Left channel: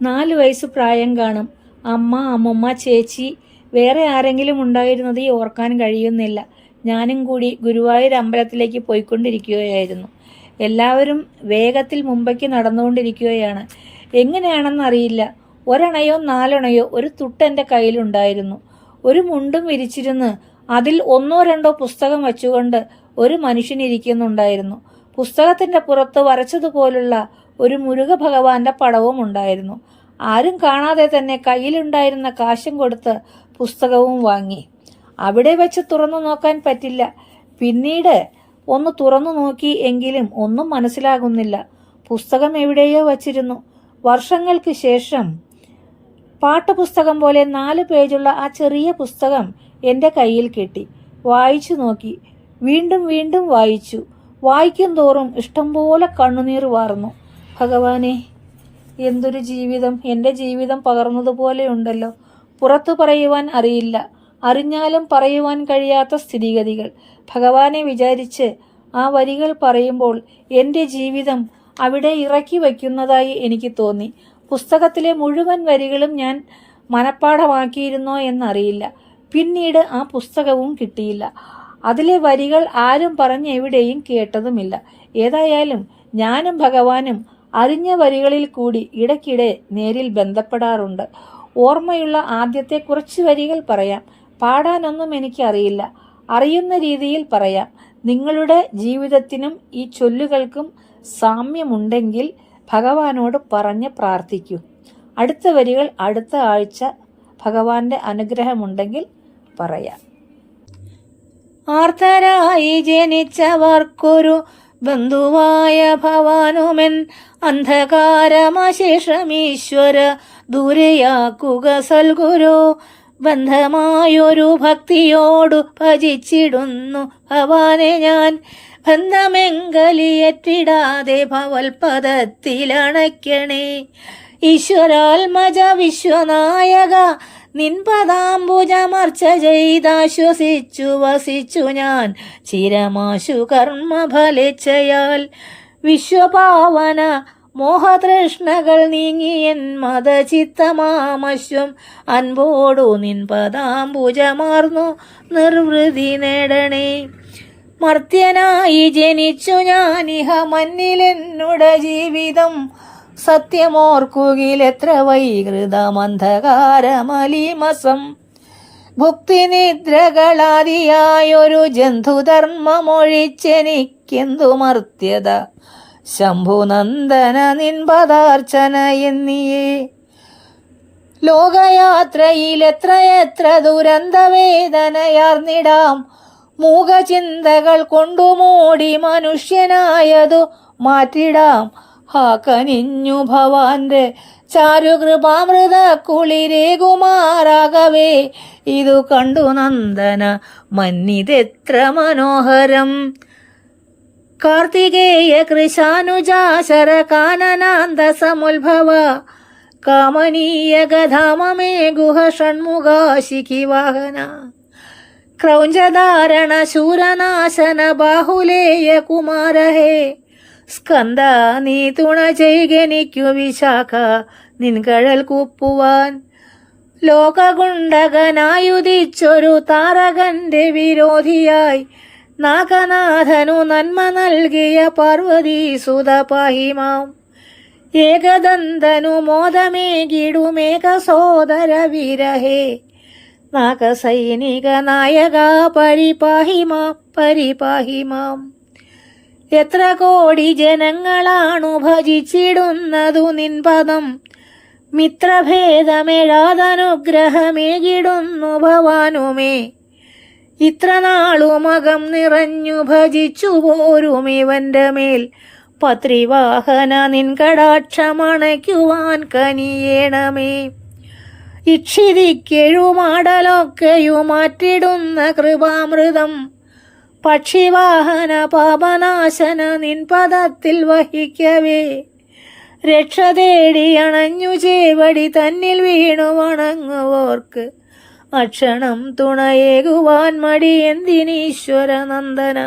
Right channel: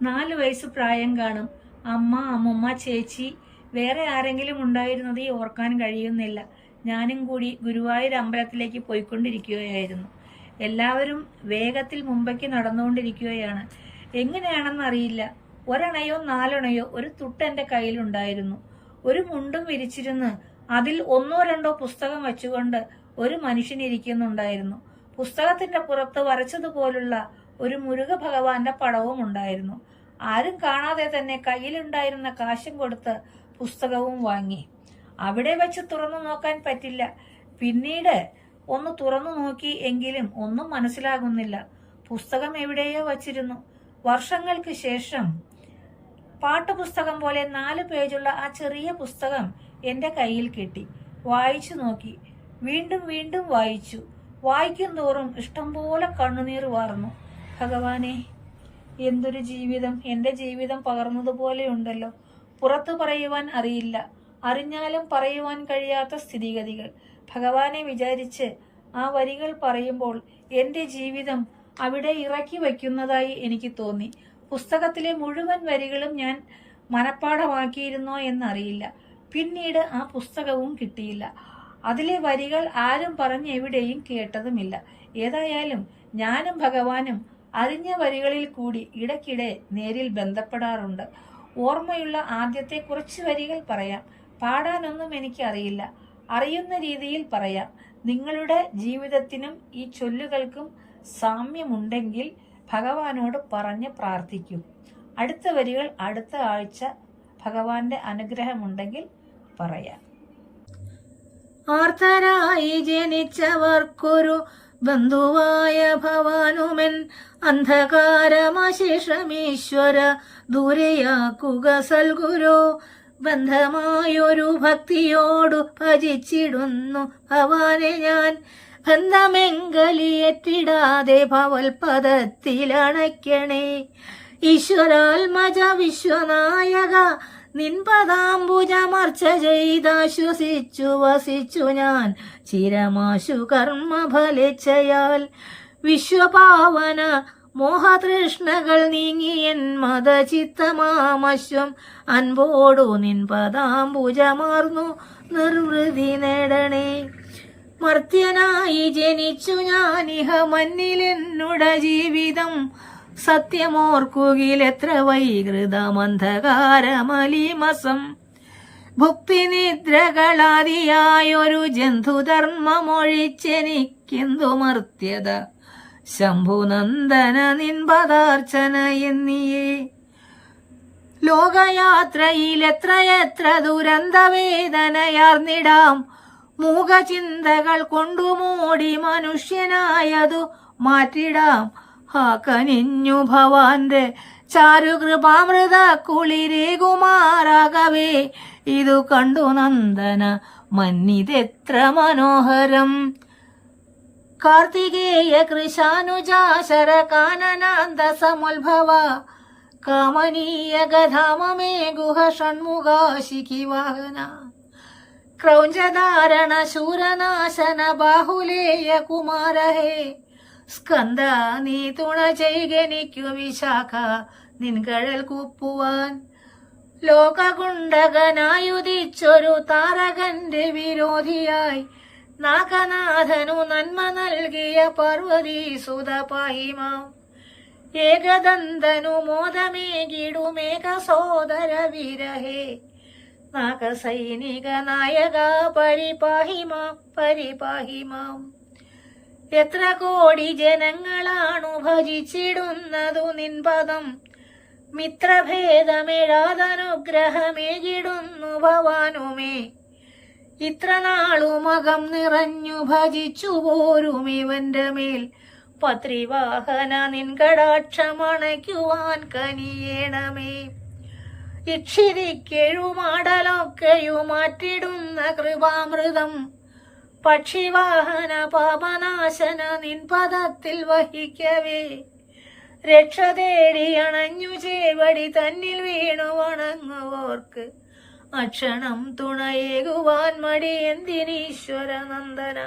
4 വയസ്സ് പ്രായം കാണും. അമ്മ, അമ്മമ്മ, ചേച്ചി, വേറെ ആരെങ്കിലും ഉണ്ടായിരുന്നത് ഓർക്കാൻ കഴിയുന്നില്ല. ഞാനും കൂടി ഗുരുവായൂർ അമ്പലത്തിലേക്ക് പോയിക്കൊണ്ടിരിക്കുകയായിരുന്നു. എല്ലാവരും വേഗത്തിൽ മുമ്പേക്ക് നടന്നുകൊണ്ടിരിക്കുകയാണ്. എങ്ങനെയാണെന്നറിയില്ല. ഒരണയോ 4 ഒരു തുട്ട് എൻ്റെ കയ്യിലുണ്ടായിരുന്നു. ഒരു മുണ്ടും വിരിച്ചിരുന്ന് അതിൽ 1-2 പുസ്തകം വച്ചുകൊണ്ട് ഒരു മനുഷ്യനിരിക്കുന്നുണ്ടായിരുന്നു. പുസ്തകത്തിന്റെ പുറത്ത് വരച്ചതുപോലുള്ള ഒരു മുരുക ഭഗവാന്റെ പടവും ഉണ്ടായിരുന്നു. ആരും കാണാതെ തന്നെ കയ്യിലുണ്ടായിരുന്ന കാശും കൊടുത്ത് പുസ്തകവും വാങ്ങി. അവിടെ വെച്ച് തുറന്നു നോക്കാൻ പറ്റില്ല. പിന്നീട് ഒന്ന് തുറന്നു നോക്കി എങ്കിലും ഒന്നും മനസ്സിലാകുന്നില്ല. പുസ്തകം എവിടെയോ വച്ചിരുന്നു. വർഷങ്ങൾക്ക് ശേഷം പാഠപുസ്തകം പോലെ 4 പേജുള്ള ആ ചെറിയ പുസ്തകം എൻ്റെ കയ്യിൽ കിട്ടി. വായിച്ചു നോക്കി. വീണ്ടും വീണ്ടും വായിച്ചു. വായിക്കും തോറും ഇഷ്ടംപോലെ കണ്ണുനീർ വാർന്നു. ഭഗവാനെ, എന്തൊരു ജീവിതം! എൻ്റെ ജീവിതം പകർന്നതുപോലെയുണ്ടല്ലോ. പുറത്തു പറയുവാൻ അറിയില്ല. അറിഞ്ഞാലും പറയുവാൻ കഴിയാത്ത സ്ഥിതിഗതികൾ. ഭഗവാനെ വിചാരിച്ച് ആ വരികൾ പറയുമ്പോൾ എൻ്റെ ജീവിതം അവിടെ ഇറക്കി വയ്ക്കുന്നതായി എനിക്ക് തോന്നി. പുസ്തകത്തിലെ മുഴുവൻ വരികളും ഞാൻ മനഃപ്പാഠമാക്കിയിരുന്നോ എന്നറിയില്ല. പിന്നീട് ആ പുസ്തകവും കിട്ടിയില്ല. അതിലെ വരികൾ ആരും എവിടെയും കേട്ടതുമില്ല. ഏതായാലും ഞാനും ഭഗവാനും അറിഞ്ഞ വരികളിൽ കൂടി ഇടയ്ക്കിടെ നേരിൽ ബന്ധപ്പെടാറുണ്ട്. ഓർമ്മയുള്ള ആദ്യത്തെ കുറച്ച് വരികൾ പറയാം. പാടാനൊന്നും എനിക്കറിയില്ല. അറിയുന്ന രീതിയിൽ പറയാം. നിങ്ങളുടെ ജീവിതത്തിനും ഈ ചൊല്ലുകൾക്കും സാമ്യമുണ്ടെങ്കിൽ ഭഗവാനോട് പറഞ്ഞ് പ്രാർത്ഥിക്കൂ. അടുത്ത വരികൾ അടുത്ത ആഴ്ച ഭഗവാന്റെ അനുഗ്രഹമുണ്ടെങ്കിൽ പറയാം. ആർത്തരായി ജനിച്ചവർക്കൊരു ബന്ധുവായ ഭവാനുമെൻ അന്ധകാരമശേഷമീശ്വര ദൂരെയാക്കുക സൽഗുരു. ബന്ധമായൊരു ഭക്തിയോടു ഭജിച്ചിടുന്നു ഭവാനെ ഞാൻ. ബന്ധമെങ്കലിയേറ്റിടാതെ ഭവൽപദത്തിലണയ്ക്കണേ. ഈശ്വരാത്മജ വിശ്വനായക നിൻപദാംബുജമർച്ച ചെയ്താശ്വസിച്ചു വസിച്ചു ഞാൻ ചിരമാശു കർമ്മഫലേച്ഛയാൽ. വിശ്വപാവന മോഹതൃഷ്ണകൾ നീങ്ങിയൻ മതചിത്തമാമശ്വം അൻപോടു നിൻപദാംബുജമാർന്നു നിർവൃതി നേടണേ. മർത്യനായി ജനിച്ചു ഞാനിഹ മന്നിലെന്നുട ജീവിതം. സത്യമോർക്കുകിലെത്ര വൈകൃതമന്ധകാരമലീമസം. ഭുക്തിനിദ്രകളാദിയായൊരു ജന്തുധർമ്മമൊഴിച്ചെനിക്കെന്തു മർത്യത. ശംഭുനന്ദന നിൻപദാർച്ചന എന്നിയേ. ലോകയാത്രയിലെത്രയെത്ര ദുരന്തവേദനയാർന്നിടാം. മൂകചിന്തകൾ കൊണ്ടുമൂടി മനുഷ്യനായതു മാറ്റിടാം. കനിഞ്ഞു ഭവാന്റെ ചാരുകൃപാമൃത കുളിരേകുമാറാകവേ. ഇതു കണ്ടു നന്ദന മന്നിതെത്ര മനോഹരം. കാർത്തികേയ കൃശാനുജാശര കാനനാന്ത സമുത്ഭവ. കാമനീയ ഗധാമമേ ഗുഹ ഷൺമുഖാശിഖി വാഹന. ക്രൗഞ്ചധാരണ ശൂരനാശന ബാഹുലേയ കുമാരഹേ. സ്കന്ദ നീ തുണ ചെയ്കനിക്കു വിശാഖ നിൻകഴൽ കുപ്പുവാൻ. ലോകകുണ്ടകനായുദിച്ചൊരു താരകന്റെ വിരോധിയായി നാഗനാഥനു നന്മ നൽകിയ പാർവതീസുത പാഹിമാം. ഏകദന്തനു മോദമേകിടുമേക സോദര വിരഹേ. നാഗസൈനിക നായക പരിപാഹിമാം പരിപാഹിമാം. എത്ര കോടി ജനങ്ങളാണു ഭജിച്ചിടുന്നതു നിൻപദം. മിത്രഭേദമെഴാതനുഗ്രഹമേകിടുന്നു ഭവാനുമേ. ഇത്ര നാളുമകം നിറഞ്ഞു ഭജിച്ചു പോരും ഇവന്റെ മേൽ. പത്രിവാഹന നിൻ കടാക്ഷമണയ്ക്കുവാൻ കനിയേണമേ. ഇക്ഷിതിക്കെഴുമാടലൊക്കെയുമാറ്റിടുന്ന കൃപാമൃതം. പക്ഷിവാഹന പാപനാശന നിൻ പദത്തിൽ വഹിക്കവേ. രക്ഷ തേടി അണഞ്ഞു ചേവടി തന്നിൽ വീണു വണങ്ങുവോർക്ക് അക്ഷണം തുണയേകുവാൻ മടി എന്തിനീശ്വര നന്ദന.